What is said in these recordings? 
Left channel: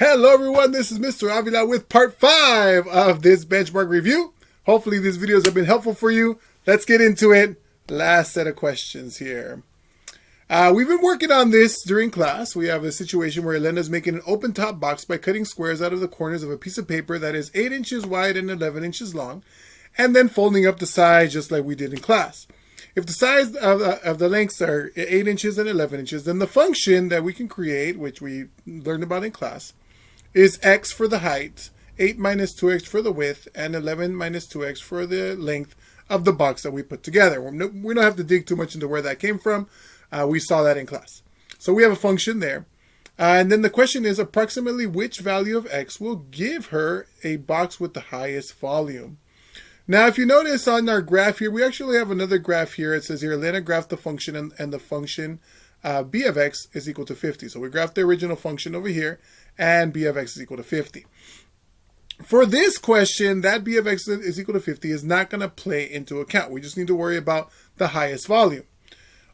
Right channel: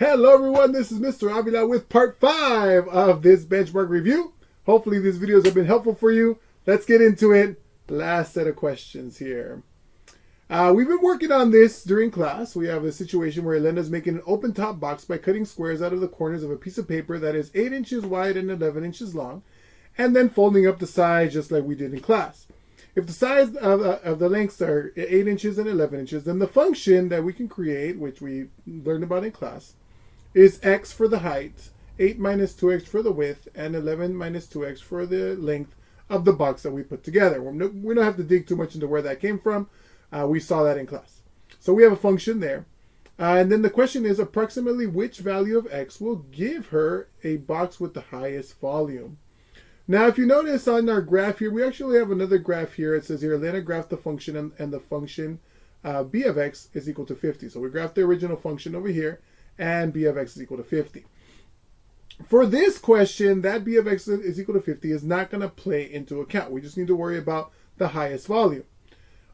Hello everyone, this is Mr. Avila with part 5 of this benchmark review. Hopefully these videos have been helpful for you. Let's get into it. Last set of questions here. We've been working on this during class. We have a situation where Elena is making an open top box by cutting squares out of the corners of a piece of paper that is 8 inches wide and 11 inches long, and then folding up the sides just like we did in class. If the size of the lengths are 8 inches and 11 inches, then the function that we can create, which we learned about in class, is x for the height, 8 minus 2x for the width, and 11 minus 2x for the length of the box that we put together. We don't have to dig too much into where that came from. We saw that in class. So we have a function there. And then the question is approximately which value of x will give her a box with the highest volume. Now, if you notice on our graph here, we actually have another graph here. It says here, Elena graphed the function and the function b of x is equal to 50. So we graphed the original function over here, and b of x is equal to 50. For this question, that b of x is equal to 50 is not going to play into account. We just need to worry about the highest volume.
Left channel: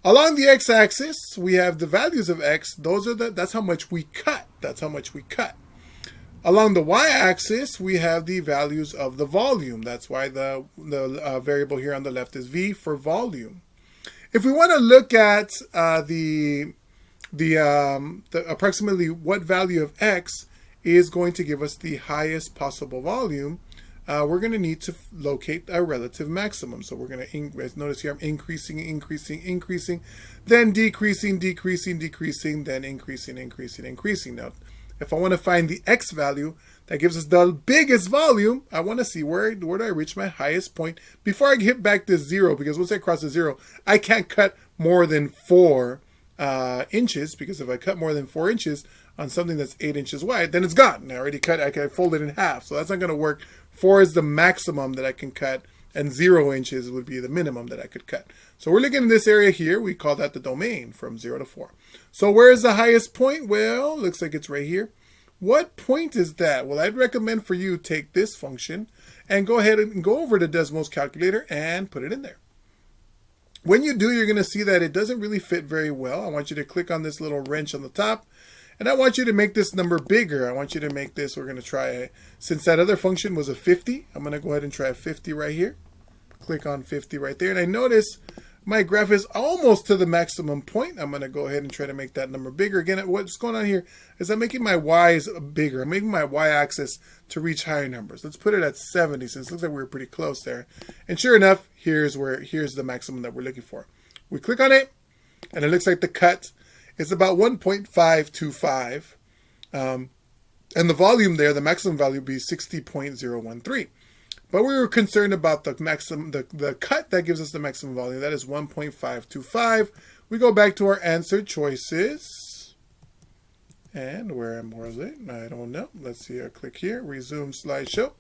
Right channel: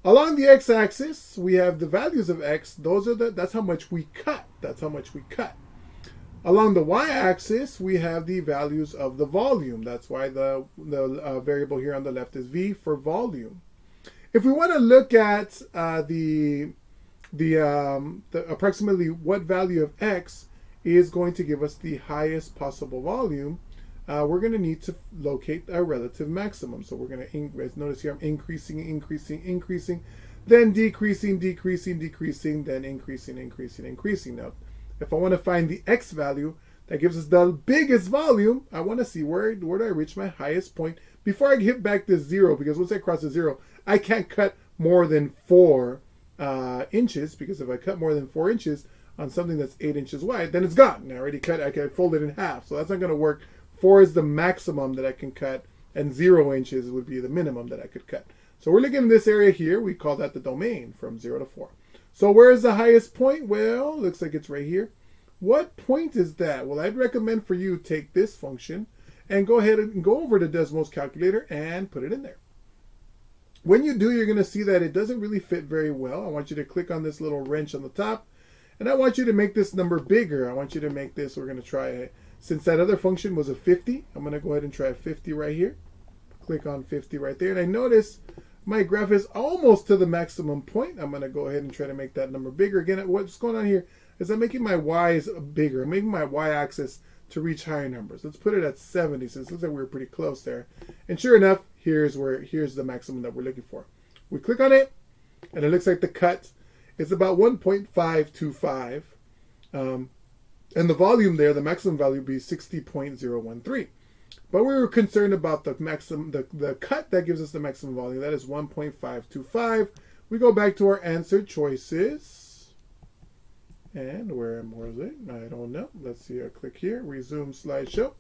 Along the x-axis, we have the values of x. That's how much we cut. That's how much we cut. Along the y-axis, we have the values of the volume. That's why the variable here on the left is v for volume. If we want to look at the approximately what value of x is going to give us the highest possible volume, we're going to need to locate a relative maximum. So we're going to notice here I'm increasing, then decreasing, then increasing. Now, if I want to find the x value that gives us the biggest volume, I want to see where do I reach my highest point before I hit back to 0, because once I cross the 0, I can't cut more than 4 inches, because if I cut more than 4 inches on something that's 8 inches wide, then it's gone. I already cut, I can fold it in half, so that's not going to work. 4 is the maximum that I can cut, and 0 inches would be the minimum that I could cut. So we're looking at this area here. We call that the domain from 0 to 4. So where is the highest point? Well, looks like it's right here. What point is that? Well, I'd recommend for you take this function and go ahead and go over to Desmos calculator and put it in there. When you do, you're going to see that it doesn't really fit very well. I want you to click on this little wrench on the top, and I want you to make this number bigger. I want you to make this, we're going to try it. Since that other function was a 50, I'm going to go ahead and try a 50 right here. Click on 50 right there. And I notice my graph is almost to the maximum point. I'm going to go ahead and try to make that number bigger. Again, what's going on here is I'm making my y's bigger. I'm making my y-axis to reach higher numbers. Let's put it at 70, since it looks like we're pretty close there. And sure enough, here's the maximum that we're looking for. We click on it, and it looks like the cut is about 1.525. And the volume there, the maximum value would be 60.013. But we were concerned about the maximum, the cut that gives us the maximum volume. That is 1.525. We go back to our answer choices. And where was it? I don't know. Let's see. I click here. Resume slideshow.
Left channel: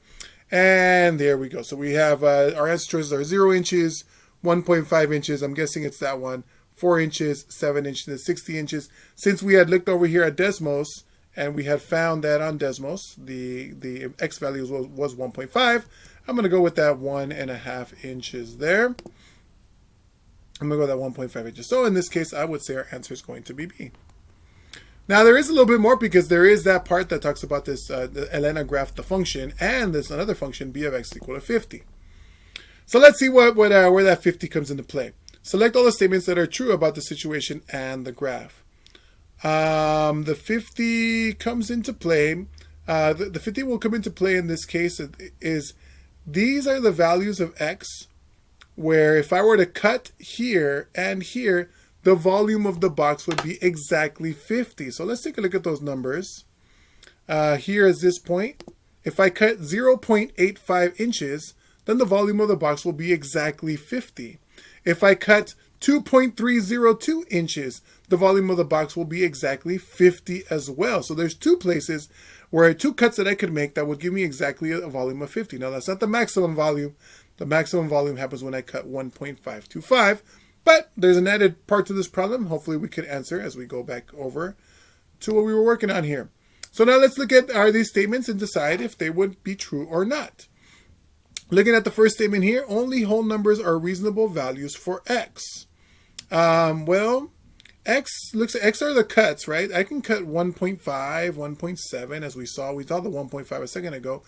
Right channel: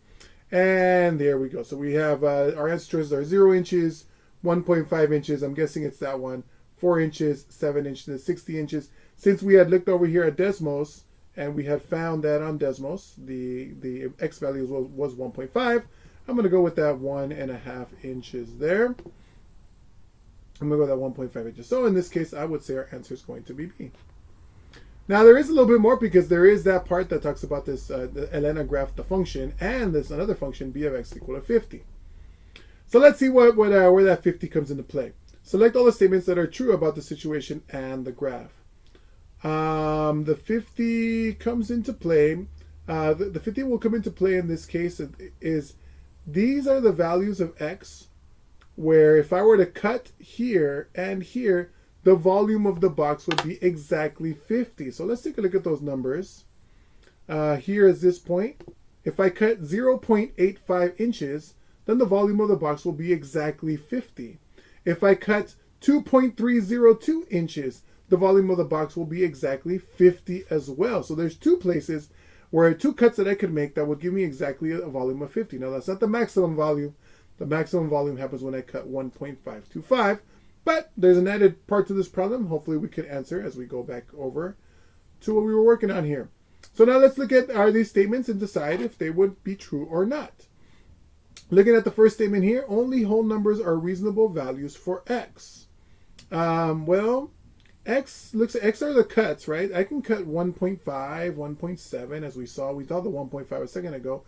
And there we go. So we have our answer choices are 0 inches, 1.5 inches. I'm guessing it's that one. 4 inches, 7 inches, and 60 inches. Since we had looked over here at Desmos, and we had found that on Desmos, the x value was 1.5. I'm going to go with that 1.5 inches there. I'm going to go with that 1.5 inches. So in this case, I would say our answer is going to be B. Now there is a little bit more, because there is that part that talks about this, Elena graphed the function, and there's another function, b of x equal to 50. So let's see where that 50 comes into play. Select all the statements that are true about the situation and the graph. The 50 comes into play. The 50 will come into play in this case is these are the values of x, where if I were to cut here and here, the volume of the box would be exactly 50. So let's take a look at those numbers. Here is this point. If I cut 0.85 inches, then the volume of the box will be exactly 50. If I cut 2.302 inches, the volume of the box will be exactly 50 as well. So there's two places where two cuts that I could make that would give me exactly a volume of 50. Now that's not the maximum volume. The maximum volume happens when I cut 1.525. But there's an added part to this problem. Hopefully we could answer as we go back over to what we were working on here. So now let's look at are these statements and decide if they would be true or not. Looking at the first statement here, only whole numbers are reasonable values for x. Well, X are the cuts, right? I can cut 1.5, 1.7, as we saw. We saw the 1.5 a second ago.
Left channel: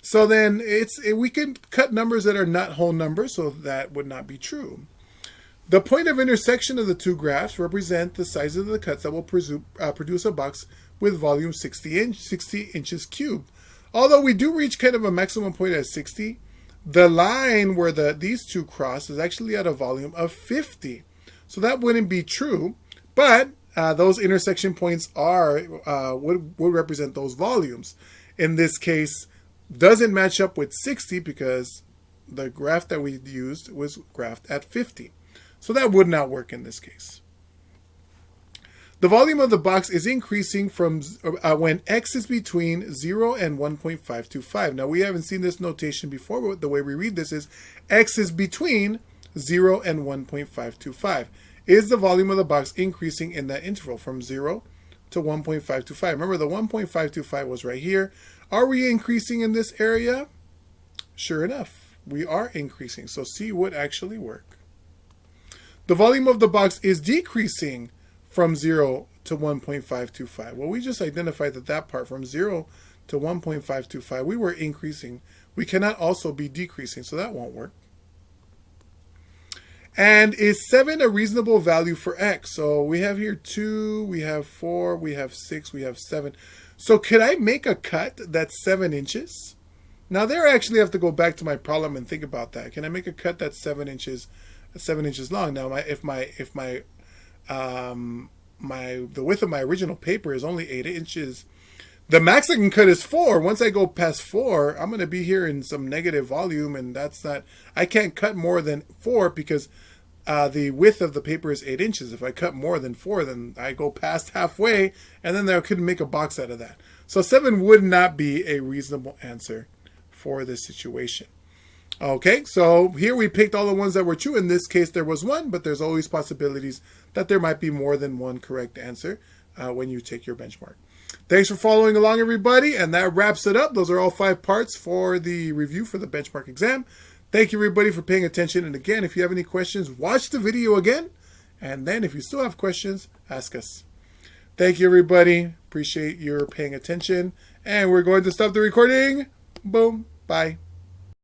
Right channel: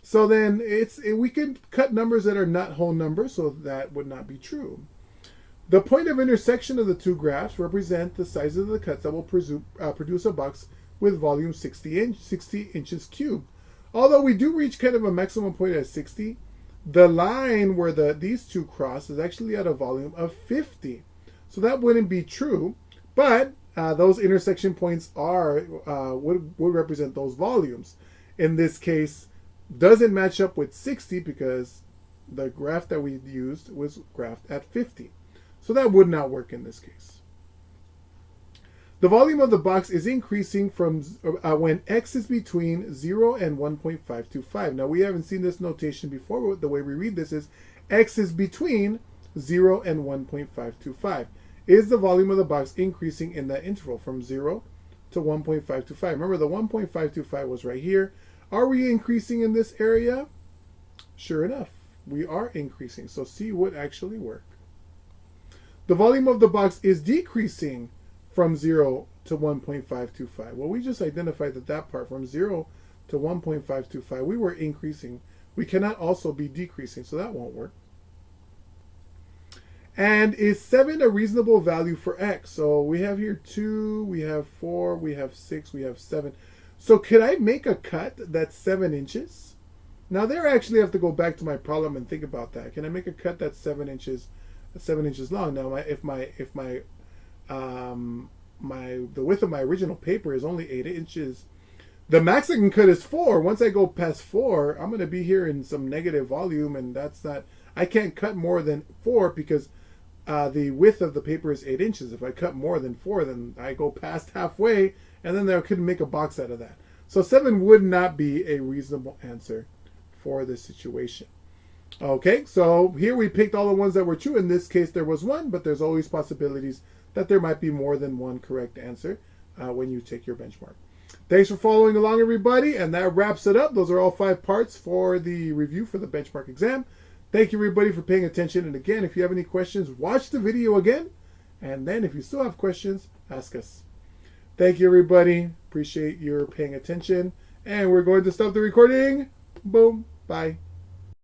So then we can cut numbers that are not whole numbers, so that would not be true. The point of intersection of the two graphs represent the size of the cuts that will produce a box with volume 60 inches cubed. Although we do reach kind of a maximum point at 60, the line where these two cross is actually at a volume of 50. So that wouldn't be true, but those intersection points would represent those volumes. In this case, doesn't match up with 60 because the graph that we used was graphed at 50. So that would not work in this case. The volume of the box is increasing from when x is between 0 and 1.525. Now, we haven't seen this notation before, but the way we read this is x is between 0 and 1.525. Is the volume of the box increasing in that interval from 0 to 1.525? Remember, the 1.525 was right here. Are we increasing in this area? Sure enough, we are increasing. So C would actually work. The volume of the box is decreasing from 0 to 1.525. Well, we just identified that part from 0 to 1.525, we were increasing. We cannot also be decreasing, so that won't work. And is 7 a reasonable value for x? So we have here 2, we have 4, we have 6, we have 7. So could I make a cut that's 7 inches? Now there I actually have to go back to my problem and think about that. Can I make a cut that's 7 inches long? Now if the width of my original paper is only 8 inches, the max I can cut is 4. Once I go past 4, I'm going to be here in some negative volume, and I can't cut more than 4 because the width of the paper is 8 inches. If I cut more than 4, then I go past halfway, and then I couldn't make a box out of that. So 7 would not be a reasonable answer for this situation. Okay, so here we picked all the ones that were true. In this case, there was 1, but there's always possibilities that there might be more than one correct answer when you take your benchmark. Thanks for following along, everybody, and that wraps it up. Those are all 5 parts for the review for the benchmark exam. Thank you, everybody, for paying attention. And again, if you have any questions, watch the video again. And then if you still have questions, ask us. Thank you, everybody. Appreciate your paying attention. And we're going to stop the recording. Boom. Bye.